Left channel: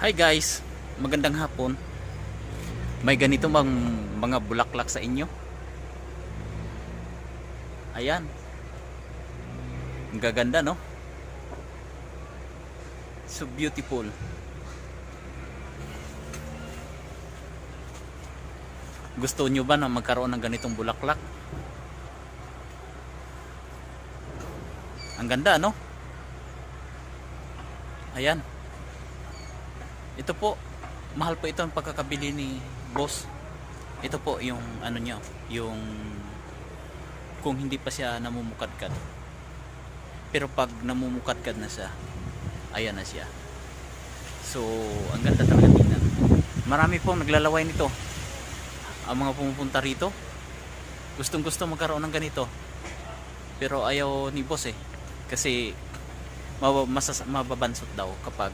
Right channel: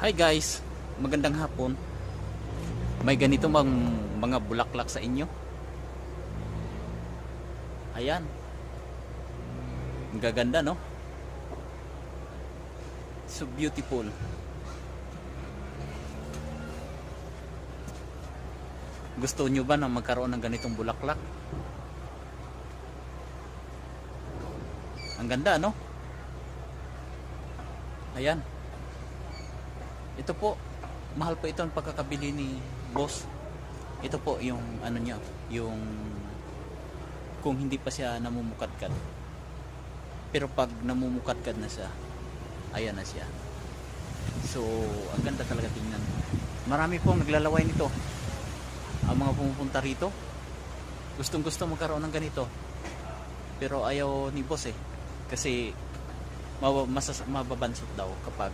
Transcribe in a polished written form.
Hi guys, magandang hapon. May ganito bang mga bulaklak sa inyo? Ayan, ang gaganda no? So beautiful. Gusto nyo ba na magkaroon ng ganitong bulaklak? Ang ganda no? Ayan. Ito po, mahal po ito ang pagkakabili ni boss. Ito po yung ano niya, yung kung hindi pa siya namumukadkad. Pero pag namumukadkad na siya, ayan na siya. So, ang ganda talaga tingnan. Marami pong naglalaway nito. Ang mga pumupunta rito, gustong gusto magkaroon ng ganito. Pero ayaw ni boss eh. Kasi mababansot daw kapag